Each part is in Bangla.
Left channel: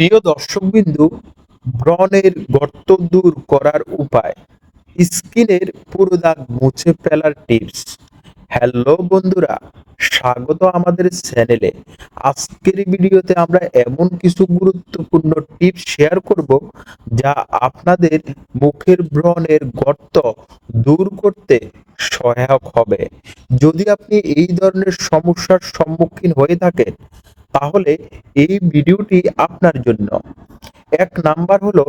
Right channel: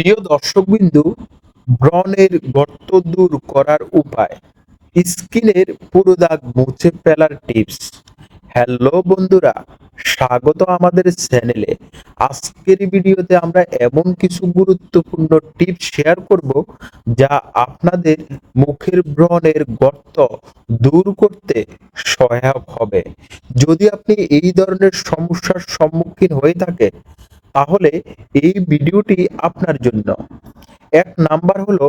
প্রিয় দর্শকবিন্দু, ব্রণের গর্ত দূর করার উপায়, স্কিনের পুরো দাগ মুছে ফেলার টিপস। হ্যালো বন্ধুরা, স্বাগত আমাদের চ্যানেলে। আজকের ভিডিওতে আমরা এমন কিছু গুরুত্বপূর্ণ টিপস শেয়ার করব যা আপনাদের মুখের ব্রণের গর্ত দূর করতে সহায়ক হবে। যদি আপনি এই ধরনের সমস্যার সম্মুখীন হয়ে থাকেন তাহলে এই ভিডিওটি আপনার জন্য। এক নাম্বার হলো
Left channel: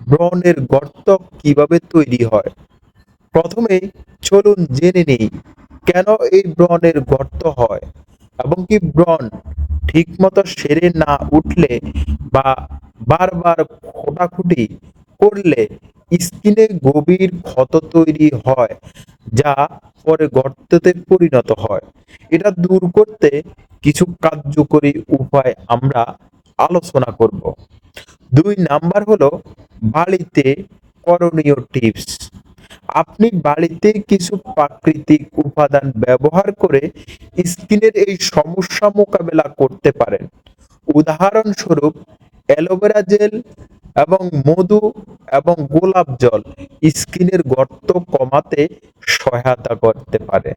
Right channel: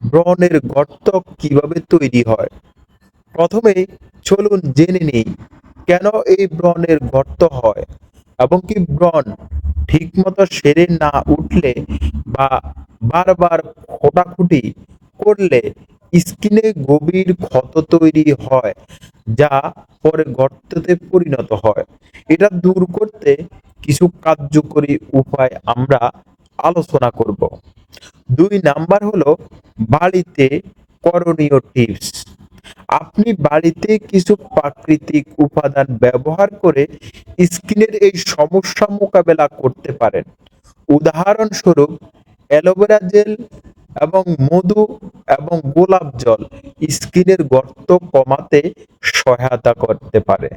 ব্রণের গর্ত কিভাবে তৈরি হয়। প্রথমে চলুন জেনে নিই কেন এই ব্রণের গর্ত হয় এবং কি ব্রণ ঠিকমতো সেরে না উঠলে বা বারবার খোটাখুটি করলে স্কিনে গভীর ক্ষত তৈরি হয়, যা পরে গর্ততে পরিণত হয়। এটা দূর করতে কিছু কার্যকরী উপায় আমরা আলোচনা করব। 2 নাম্বার হলো বাড়িতে করণীয় টিপস। আপনি বাড়িতে কিছু প্রাকৃতিক উপাদান ব্যবহার করে স্কিনের এই সমস্যা মোকাবেলা করতে পারেন। উদাহরণস্বরূপ অ্যালোভেরা জেল এবং মধু এবং গোলাপ জল স্কিনের গর্ত কমাতে সহায়তা করতে পারে।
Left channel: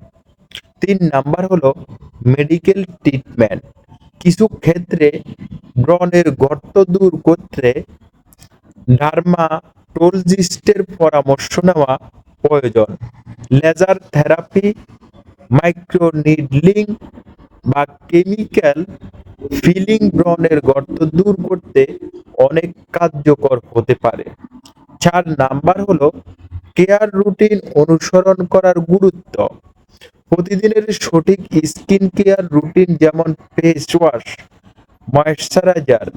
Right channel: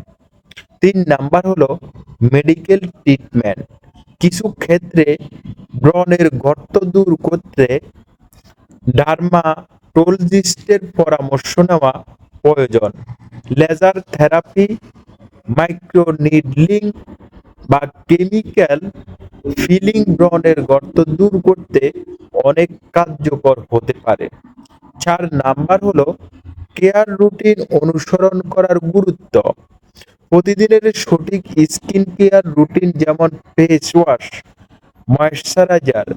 3 নাম্বার হলো মেডিকেল ট্রিটমেন্ট। কিছু ক্ষেত্রে ব্রণের গর্ত দূর করতে ডার্মাটোলজিস্টের পরামর্শ নেওয়া প্রয়োজন। লেজার থেরাপি, মাইক্রোনিডলিং বা কেমিক্যাল ফিলিং ব্রণের গর্ত দূর করতে অনেক কার্যকর হতে পারে। 4 নাম্বার হলো কেয়ার রুটিন অনুসরণ করার গুরুত্ব। প্রতিদিনের সঠিক স্কিন কেয়ার রুটিন যেমন ফেস ওয়াশ, ময়েশ্চারাইজার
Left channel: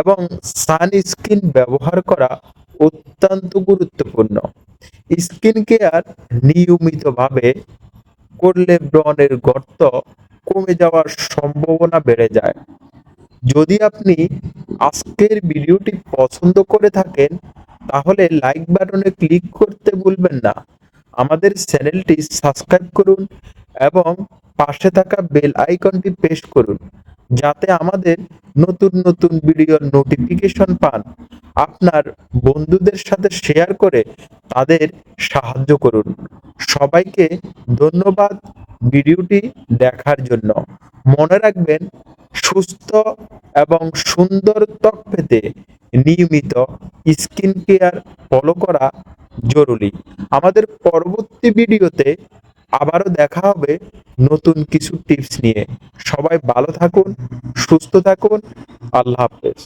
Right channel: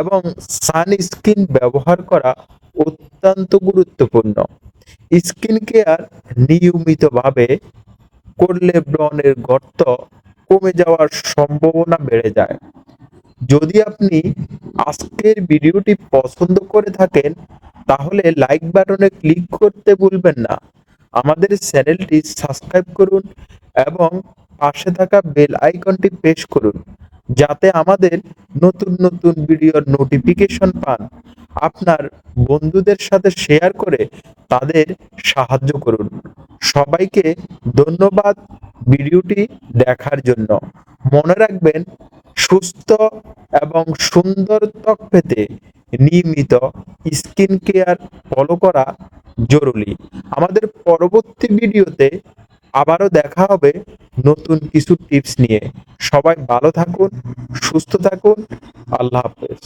এবং সানস্ক্রিন ব্যবহার করা অত্যন্ত গুরুত্বপূর্ণ। স্কিন কেয়ার নিয়মিতভাবে করলে ব্রণের গর্ত কমে যাওয়ার সম্ভাবনা বেড়ে যায়। যদি আপনি আজকের ভিডিওটি পছন্দ করে থাকেন তাহলে লাইক বাটনে ক্লিক করতে ভুলবেন না। আমাদের চ্যানেলটি সাবস্ক্রাইব করুন এবং পাশে থাকা বেল আইকনটি প্রেস করুন যাতে আমাদের নতুন নতুন ভিডিওর নোটিফিকেশন পান। আপনার বন্ধুদের সাথে শেয়ার করে তাদের সাহায্য করুন। সবাইকে ধন্যবাদ ভিডিওটি দেখার জন্য। মনে রাখবেন, সুস্থ এবং সুন্দর ত্বক পেতে নিয়মিত স্কিন কেয়ার ফলো করা জরুরি। আমাদের পরবর্তী ভিডিওতে আবারও দেখা হবে নতুন কিছু টিপস নিয়ে। সবাই ভালো থাকুন, সুস্থ থাকুন। আল্লাহ হাফেজ।